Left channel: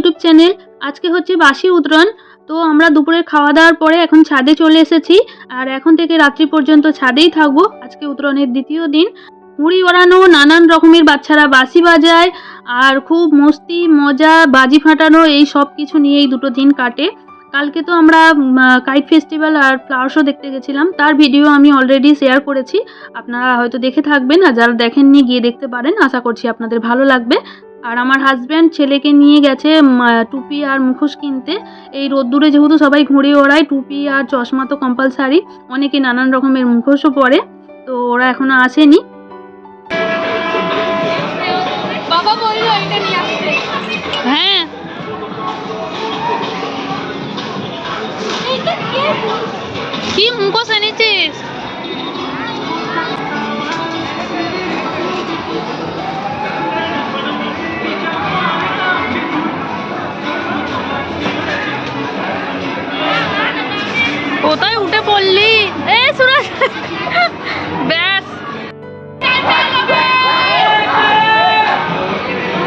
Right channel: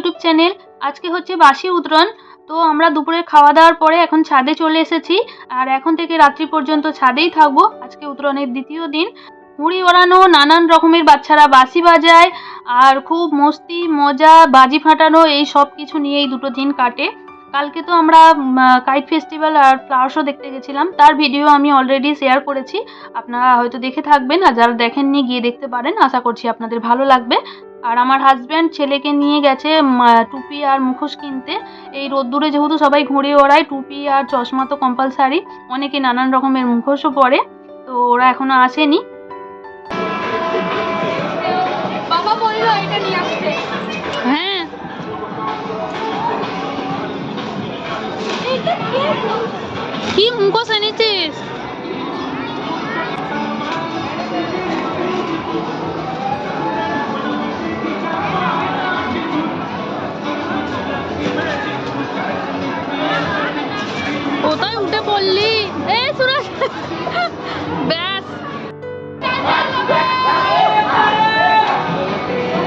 YouTube channel. আজকে হচ্ছে বাসি উতরন। তো আমরা দুপুরে খাওয়া দাওয়ার পরে এখন ছাদে চলে এসেছি, আর এখন থেকে রাত্রি পর্যন্ত ছাদেই থাকবো। আজকে উতরনের দ্বিতীয় দিন। ঘুড়ি ওড়ানো, নানান রকমের বাচ্চারা বাঁশি বাজায়, আর খুব মস্তি মজা, বাজি ফাটানো, এই সব কিছু নিয়েই দুটো দিন কাটে। কালকে তো আমরা কাইট ফেস্টিভ্যাল আর ফ্লাওয়ার শো দেখতে গেছিলাম, তার ভিডিও আমি অলরেডি শেয়ার করেছি। আপনারা হয়তো দেখে থাকবেন, আর যারা দেখেননি গিয়ে দেখতে পারেন। আশা করছি আপনাদের ভালো লাগবে। আর আমার হাজব্যান্ড ছেলেকে নিয়ে গেছে টুপি আর মুখোশ কিনতে। এই রোদ্দুরে যেহেতু সবাই ঘুড়ি ওড়ায়, টুপি আর চশমা তো কম্পালসারি, অনেকে নানান রকমের মুখোশও পরে। তো ওরা এখনো আসেনি। বাবা বললো এটা নিয়ে আসতে। হ্যাঁ, কি মুখোশ এনেছিস? কোথায় উঠে পড়লি? এই সুরাজ, ব্যাস,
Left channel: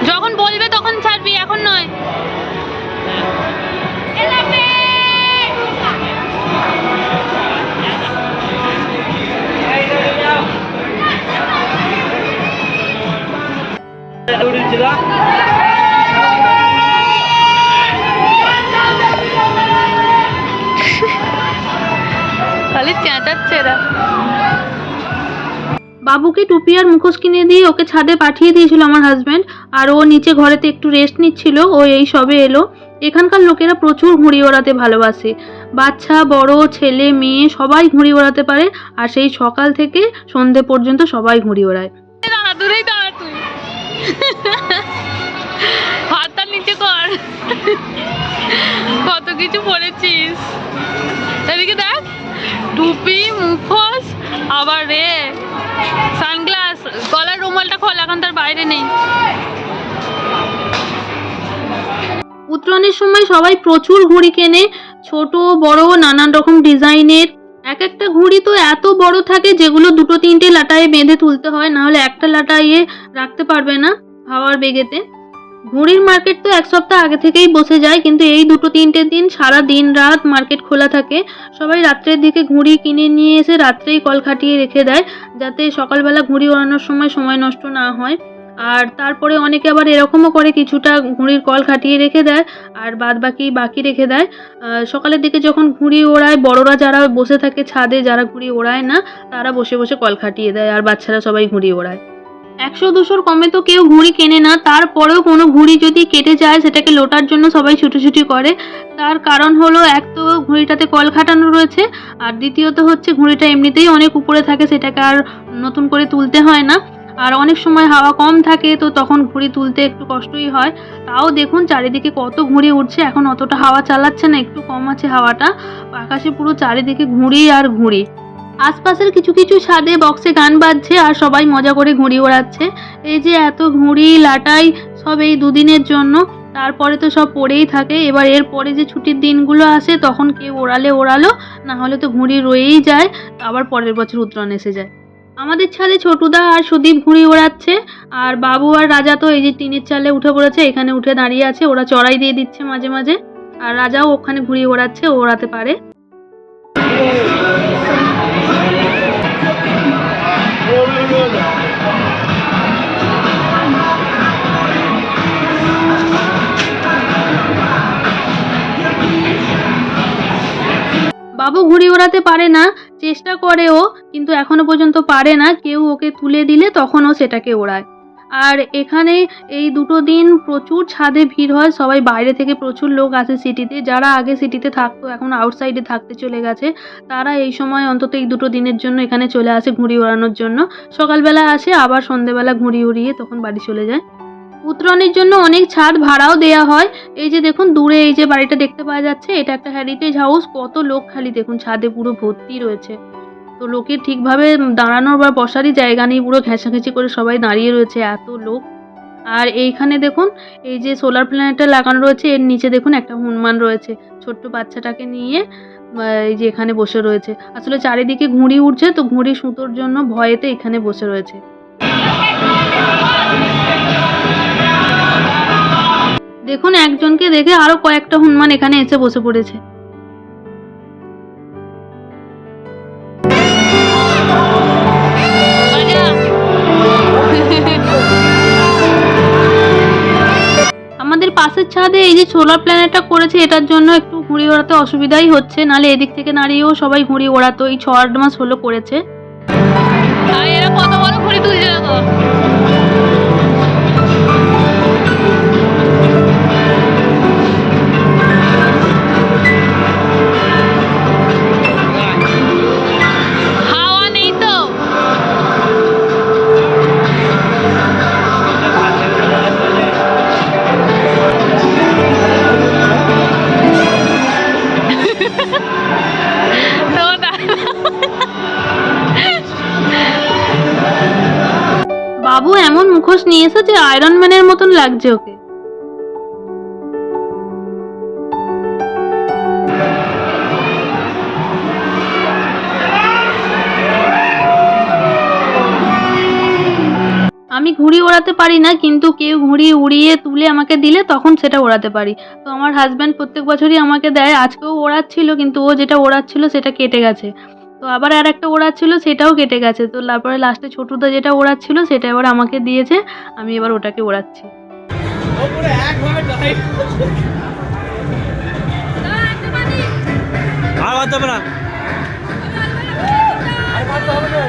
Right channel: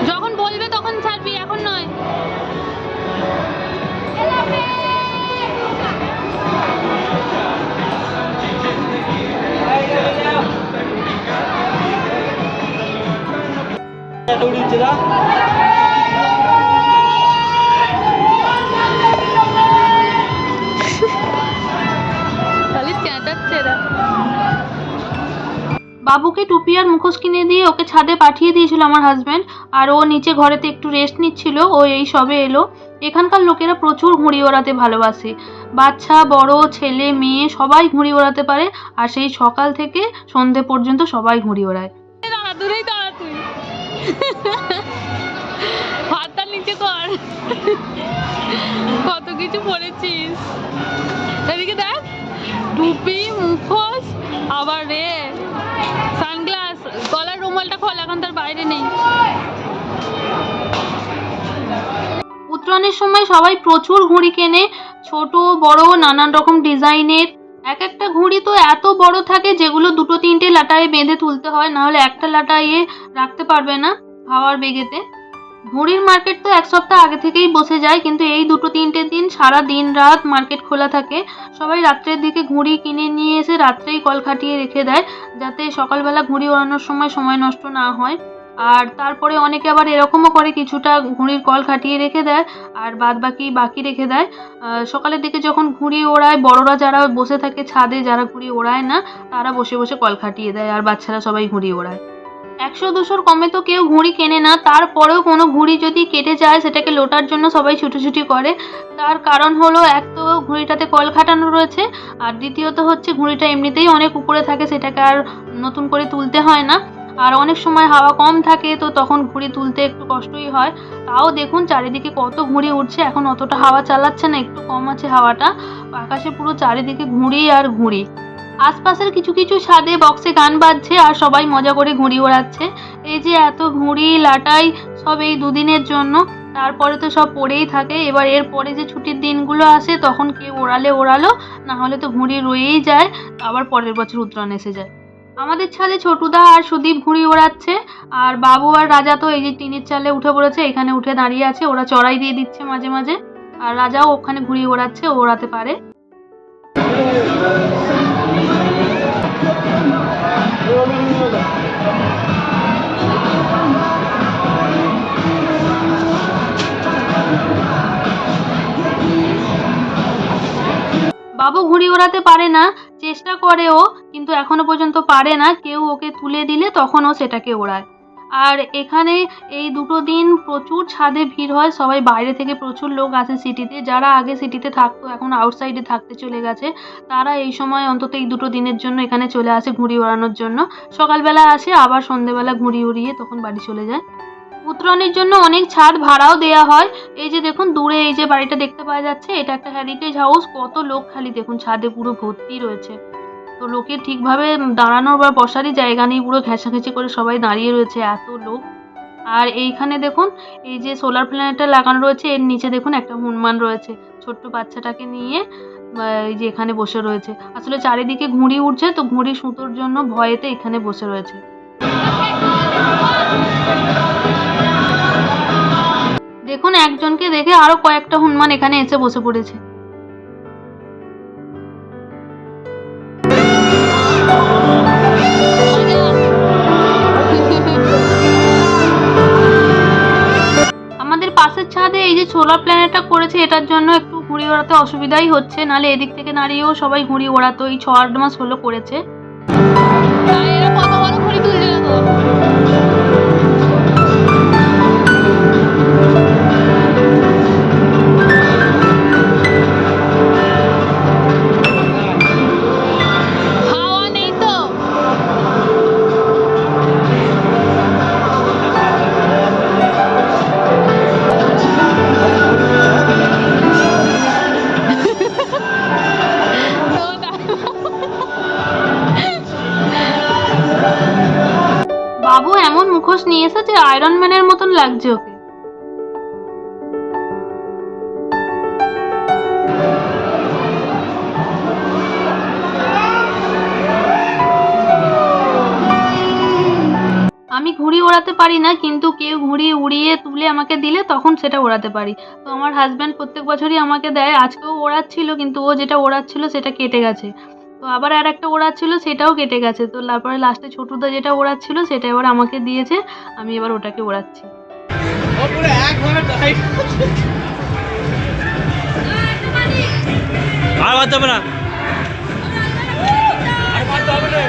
যখন বলবে তখন ছাড়বি, এখন নয়। খালি চেঁচাচ্ছে এরা। বাবুকে টুপি আর মুখোশ কিনে দিয়ে ওকে ছাদে পাঠিয়ে দিয়েছিল আমার হাজব্যান্ড, আর ও নিচে ঘরেতে একটু রেস্ট নিচ্ছিল। ও এই সবে এলো। এখানকার লোকেরা প্রচুর ঘুড়ি ওড়াতে ভালোবাসে। বাচ্চা বড়, ছেলে মেয়ে সবাই ঘুড়ি ওড়াতে পারে, আর সেই সকাল থেকে সন্ধে পর্যন্ত সবাই ঘুড়ি ওড়ায়। দূরেই দাঁড়া তুই, হাতটা নিচে কর। কত কিছু পরেছিস, এদিকে দেখ, টুপি, মুখোশ, আবার রে সানগ্লাস, গলার রুমালটা খোল, এখন তার বাইরে নেই। উত্তরায়ণের সময় সবাই প্রচুর ঘুড়ি কেনে, ছোট বড় নানান রকম ডিজাইনের। এক একটা ঘুড়ি তো এত বড় থাকে যেগুলো দুটো তিনটে লাটায় বেঁধে তুলতে হয়, নাহলে একটা লাটাইয়ে রাখতে পারবে না হাওয়ার বেগেতে। ঘুড়ির মার্কেট তো এক সপ্তাহ আগে থেকেই বসে যায়, কিন্তু এই দুটো তিনটে দিন সারা দিন রাত মার্কেট খোলা থাকে। সবাই রাত্রের দিকে ঘুড়ি কিনে নিয়ে এসে রাত্রেই কল খাটিয়ে রেখে দেয়, যাতে সকালবেলা ঘুড়ি ওড়ানোর সময় নষ্ট না হয়। আর তারপরে অনেকে আবার এরকমও করে, কিছুটা ঘুড়ির কল খাটিয়ে রেখে দেয় আর বাকি রেখে দেয়। সকালের দিকে যখন ঘুড়ি ওড়ায়, বড়রা যারা বসে থাকে ছাদে, যারা ঘুড়ি ওড়ায় না, তারা বসে বসে কল খাটিয়ে দেয়, আর বাচ্চারা সবাই ঘুড়ি ওড়ায়। 100-200 কমে তো কেউ ঘুড়ি কেনে না, তারপরেও কোনো ঘুড়ি যদি কেটে যায় সেটাকে লোটার জন্য সবাই ছুটোছুটি করে। তার কারণ হলো, এক তো ঘুড়িটাতে কল খাটানো রয়েছে, আর দ্বিতীয়ত হচ্ছে ঘুড়িটা এমনিতেই অনেক উপরে থাকে, সেটাকে আর নতুন করে তুলতে হয় না। আর অনেক সময় হাওয়া কম থাকে, তো তখন ঘুড়ি তুলতে একটু কষ্টই হয়। তাও দেখুন চারিদিকে কত ঘুড়ি উঠছে। এখন অতটা হাওয়া চালাচ্ছে না, একটু কম আছে হাওয়াটা। আকাশে পুরো চারিদিকে ঘুড়ি আর ঘুড়ি। আশপাশের কিছু কিছু ছাদে বক্সে গান বাজছে, আর সবাই মজা করে ঘুড়ি ওড়াচ্ছে। এই যে এত ঘুড়ি লাটাই সব এই দুদিনের জন্য, তারপরে তো সব পড়েই থাকে। এবার এরপরে যে ছুটির দিনগুলো আসে, তখন কেউ ওড়ালো, না হলে তো ঘুড়ি রয়েই যায়, আবার পরের বছর উত্তরায়ণ এসে যায়। আমাদের ছাদে ছোটুদা আর সুদীপ ঘুড়ি ওড়াচ্ছে, আর বাবু আর রাজা তো এই যে টিনের চালে উঠে পড়েছে, এখানে উঠে দাঁড়িয়ে আছে। ওরা চড়াই দিয়ে দিচ্ছে মাঝে মাঝে, আর রাজাও ওখানে ঘুড়ি ওড়াচ্ছে, ও ওড়াতে পারে। বাবু ঘুড়ি ওড়াতে পারে না, চেষ্টা করে ও, কিন্তু এখনো পর্যন্ত পারে না। কেউ ওকে তুলে দিলে তখন ও সেটাকে ওড়ায়। আর এখানে এই দুটো দিন প্রচুর ছাদে ভিড় হয়, সবাই বাইরে থেকে প্রচুর লোক আসে সিটিতে। যারা আগে সিটিতে থাকতো এখন আউটসাইডে থাকতে চলে গেছে, তারা এই সময় অন্তত এই দুটো দিনের জন্য এখানে চলে আসে ঘুড়ি ওড়ানোর জন্য। সকালবেলা আসে, আবার সন্ধেবেলা ঘুড়ি উড়িয়ে তখন বাড়ি চলে যায়। উত্তরায়ণের জন্য অনেক ছাদ ভাড়াও দেয়া হয়। এই যে দেখুন দূরে এই যে বাড়িটা দেখতে পাওয়া যাচ্ছে, এটা একটা হেরিটেজ হাউস। কত লোক খালি দেখুন, ছাদে পুরো ভর্তি রয়েছে। তো লোকের ঠিকভাবে দাঁড়ানোর বা বসারই জায়গা নেই, পুরো ঘেঁষাঘেঁষি করে সবাই দাঁড়িয়ে রয়েছে, এত লোক। আর এইখানে দেখুন এই যে সোলার প্ল্যানেটটা লাগানো রয়েছে, এর নিচে দেখুন একটা হনুমান রয়েছে ছোট্ট বাচ্চাটাকে নিয়ে, এই যে এখানে বসে রয়েছে। আসলে চারিদিকে ঘুড়ি উঠছে, তো ঘুড়ি সুতোর জন্য ভয়েতে এখানে বসে রয়েছে। দেখুন একজনকে দেখে আরো কয়েকটা হনুমান এখানে এসে বসে পড়েছে। আমাদের পাশের ছাদে এই যে সোলার প্ল্যানেটটা করেছে, এটার জন্য একটু ঘুড়ি ওড়াতে অসুবিধাই হচ্ছে, নাহলে এদিক থেকে দাঁড়িয়েও সবাই ঘুড়ি ওড়াতো। এই 6-8 মাস হলো করেছে। এরা কত বড় ঘুড়ি তুলছে দেখো। হাওয়া নেই তো। বাবু এমন মুখোশ নিয়ে এসেছে আয়রন ম্যানের মতন লাগছে ওকে। আমি ঘুড়ি ওড়াতে পারি না, কিন্তু কেউ ঘুড়ি উড়িয়ে তুলে আমাকে দিলে তখন সেটা ওড়াতে পারি। তো আমার হাজব্যান্ড প্রত্যেক বছরই আমাকে দেয়। আজকেও ওড়াচ্ছিল, কিন্তু ও যেটা ওড়াচ্ছিল সেটা কেটে গেছে। তো আবার আর একটা ওড়াচ্ছিল, সেটাও কেটে গেছে। তো তারপরে লাস্টে ছোটুদা যেটা ওড়াচ্ছিল সেটা এবার আমাকে দিয়েছে, আমি এবার ওটাকে ওড়াচ্ছি। আর বাদ হবে না, আর বাদ হবে না।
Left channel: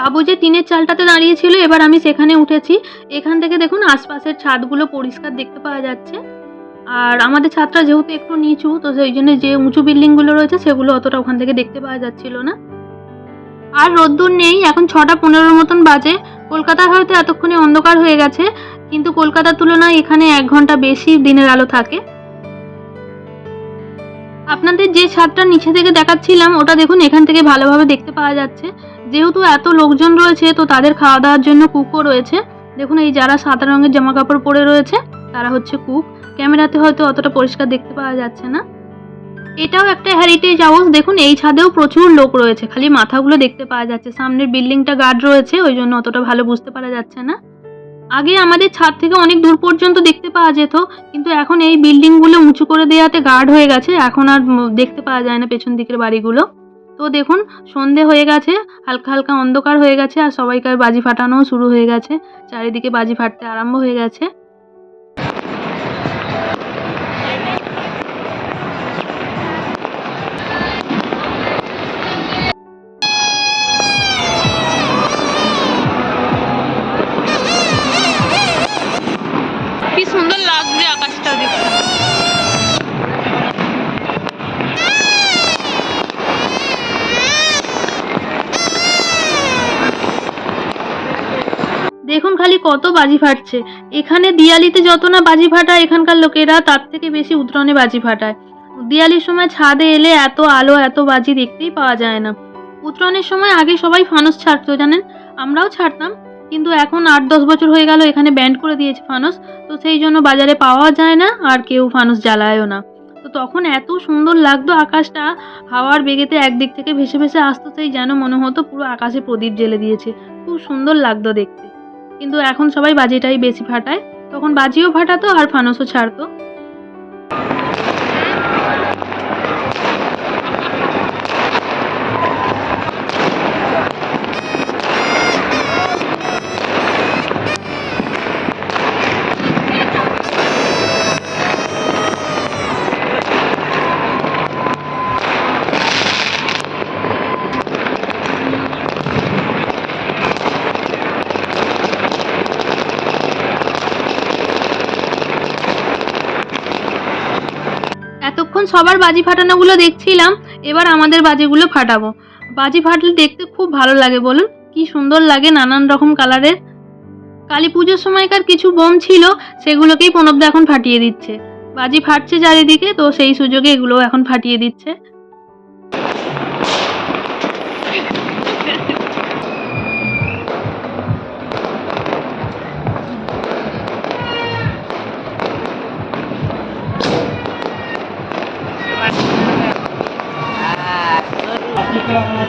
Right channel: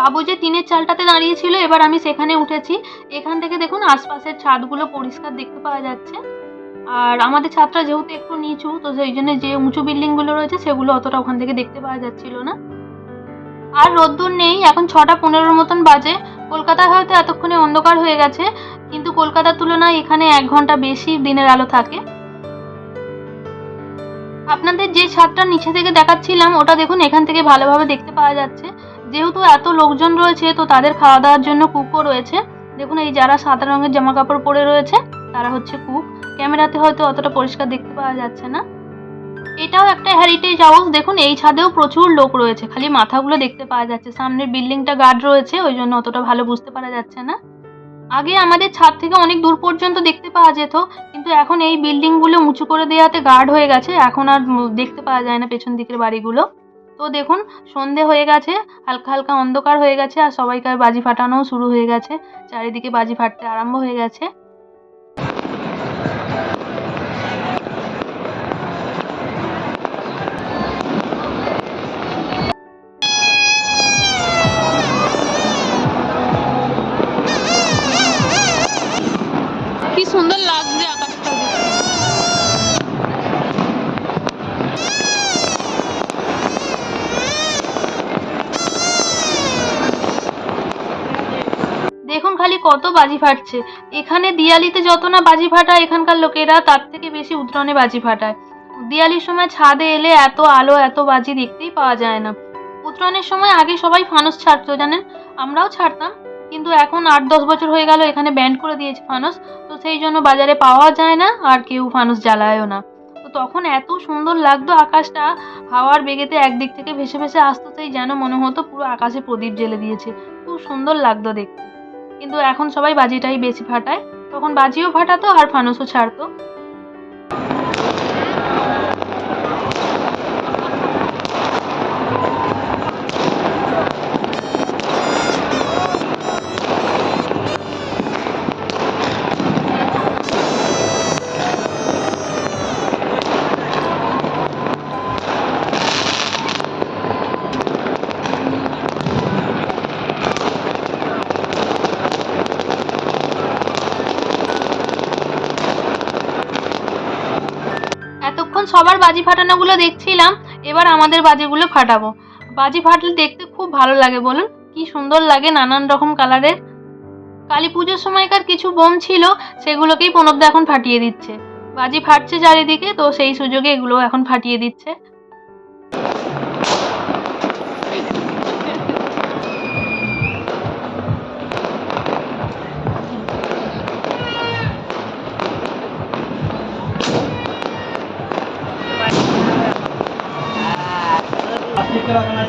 বাবু যে টিনের চালটাতে দাঁড়িয়েছিল, এবার আমি সেখানে উঠেছি। এখান থেকে দেখুন আশপাশের ছাদগুলো পরিষ্কার দেখতে পাওয়া যাচ্ছে। আর আমাদের ছাদটা যেহেতু একটু নিচু, তো সেই জন্য যে উঁচু বিল্ডিংগুলো রয়েছে সেগুলো অতটা ওখান থেকে দেখতে পাওয়া যাচ্ছিল না। আর রোদ্দুর নেই, এখন 6:15 মতন বাজে। কলকাতায় হয়তো এতক্ষণে অন্ধকার হয়ে গেছে, কিন্তু কলকাতার তুলনায় এখানে 1 ঘন্টা বেশি দিনের আলো থাকে। আপনাদের যে ছাদটা নিচে থেকে দেখাচ্ছিলাম ওটা দেখুন এখান থেকে ভালোভাবে দেখতে পাওয়া যাচ্ছে। যেহেতু এত লোকজন রয়েছে, তো তাদের খাওয়া দাওয়ার জন্য কুকও রয়েছে। দেখুন এই যারা সাদা রঙের জামা কাপড় পরে রয়েছে তারা হচ্ছে কুক। ক্যামেরাতে হয়তো অতটা পরিষ্কার দেখতে পাওয়া যাচ্ছে না। এটাও একটা হেরিটেজ হাউস। দেখুন এই ছাদেও প্রচুর লোক রয়েছে, খালি মাথাগুলো দেখতে পাওয়া যাচ্ছে। সামনের বিল্ডিংটা গার্ড রয়েছে, ওই জন্য অতটা ভালো বুঝতে পারা যাচ্ছে না। আগে আমাদের ছাদ থেকে অনেক দূর পর্যন্ত দেখতে পাওয়া যেত, কিন্তু এখন এই বিল্ডিংগুলো উঁচু করে দেওয়াতে গার্ড হয়ে গেছে, এখন আর দেখতে পাওয়া যায় না পেছন দিকের বাড়িগুলো। তো দেখুন সন্ধে হয়ে গেছে, হালকা হালকা অন্ধকার হয়ে গেছে, আর সবাইকার বাজি ফাটানোও শুরু হয়ে গেছে। চারিদিকে বাজি ফাটতে আরম্ভ হয়ে গেছে। কি সুন্দর লাগছে আকাশটা দেখতে। দেখুন খালি কত বাজি ফাটছে। এখানে দিয়ালিতে যত না বাজি ফাটায় এখানকার লোকেরা, তার থেকে বেশি উত্তরণে বাজি ফাটায়। দিয়ালির সময় ছাদে এলে এত আলো এত বাজি দেখতেই পাওয়া যায় না। উত্তরণের সময় আগে সবাই ফানুস ছাড়তো জানেন, আমরাও ছাড়তাম, কিন্তু এখন 8-10 বছর হয়ে গেল এখানে ব্যান্ড করে দিয়েছে ফানুস। তো সেই জন্য বাজারে পাওয়া যায় না, আর কেউ ফানুস জ্বালায়ও না। তো তখন এত সুন্দর লাগতো আকাশটা, হাওয়ার বেগেতে একদিক থেকে ভেসে ভেসে আসতো, সেই যেন মনে হতো পুরো আকাশে প্রদীপ জ্বেলে দিয়েছে। খুব সুন্দর লাগতো দেখতে। কিন্তু এখন সবাই বাজিটাই বেশি ফাটায়, তখন বাজিও ফাটাতো আর ফানুসও ছাড়তো। এতক্ষণ সবার বাজি ফাটানোগুলো দেখছিলাম, এবার আমাদের বাজিগুলো ফাটাবো। বাজি ফাটলে দেখতে খুব ভালো লাগে, বলুন কি সুন্দর লাগে, নানান রকম কালারের। কালী পুজোর সময়কার কিছু বোম ছিল, সেগুলোকেই প্রণবদা এখন ফাটিয়ে দিচ্ছে। বাজি ফাটছে চারিদিকে, তো সেই সুযোগে এগুলো এখন ফাটিয়ে দিচ্ছে।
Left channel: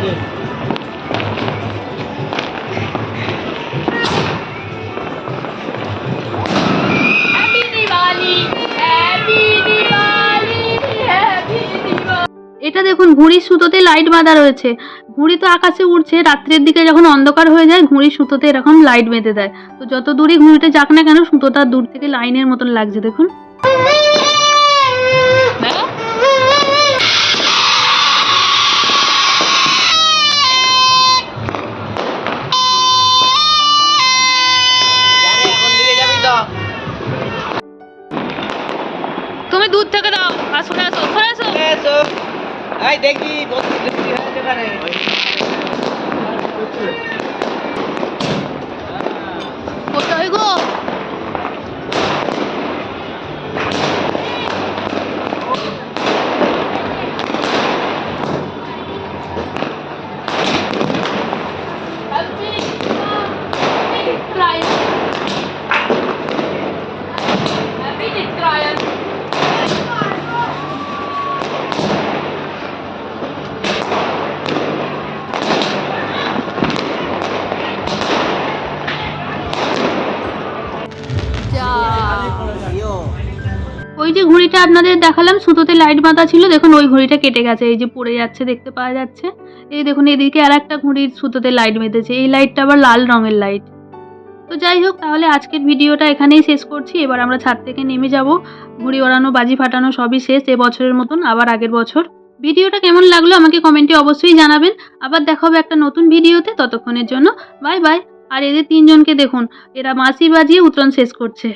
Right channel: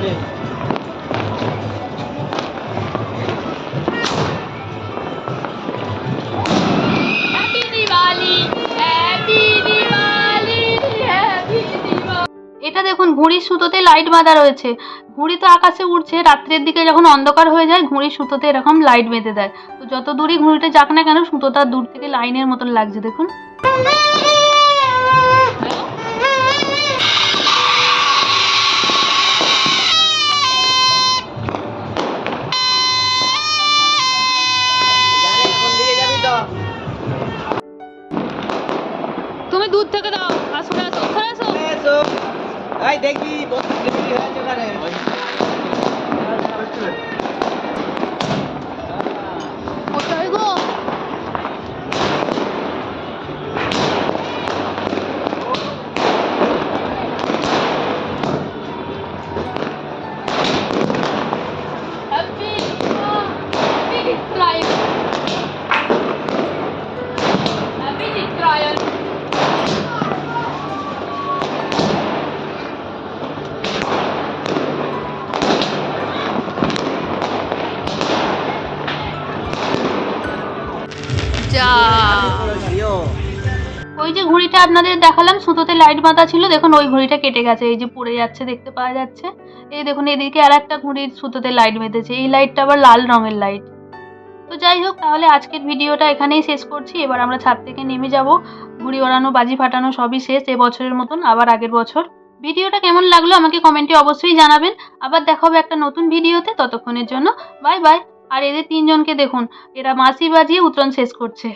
আছে happy Diwali happy Diwali happy Diwali. এটা দেখুন ঘুড়ির সুতোতে লাইট বাঁধা রয়েছে। ঘুড়ি তো আকাশে উড়ছে, রাত্রের দিকে যখন অন্ধকার হয়ে যায় ঘুড়ির সুতোতে এরকম লাইট বেঁধে দেয়। তো যত দূরই ঘুড়িটা যাক না কেন সুতোটা দূর থেকে লাইনের মতন লাগছে দেখুন। এখন দিয়ে যাবি তো তুমি দূর থেকে দাও আর সরে আসো, সরে আসো। এসো এই দেখি বসি দেখি হয়েছে কানে কোথায় গো? Happy Diwali happy Diwali. যা ওই যে ঘড়িটা আপনাদের দেখালাম সুতোতে লাইট বাঁধা ছিল, দেখুন ওই ঘড়িটা কেটে গেছে, এই যে পড়ে যাচ্ছে দেখতে পাওয়া যাচ্ছে। এই দেখুন এদিকে আর একটা ঘড়ির সুতোতে লাইট বেঁধেছে, এই লাইটটা আবার লাল রঙের লাইট। তো যাই হোক, তাহলে আজকের ভিডিওটা এখানেই শেষ করছি। এবার আমরা ছাদ থেকে নেমে যাব, ঘুড়ি ওড়ানো বাজি ফাটানো সবই শেষ এবছরের মতন, আবার আগের বছর। ভিডিওটা কেমন লাগলো আমাকে কমেন্টে অবশ্যই জানাবেন। আবার দেখা হবে একটা নতুন ভিডিওতে, ততক্ষণের জন্য বাই বাই। আর এদের তিনজনকে দেখুন, এরা বাঁশি বাজিয়ে উত্তরণ শেষ করছে।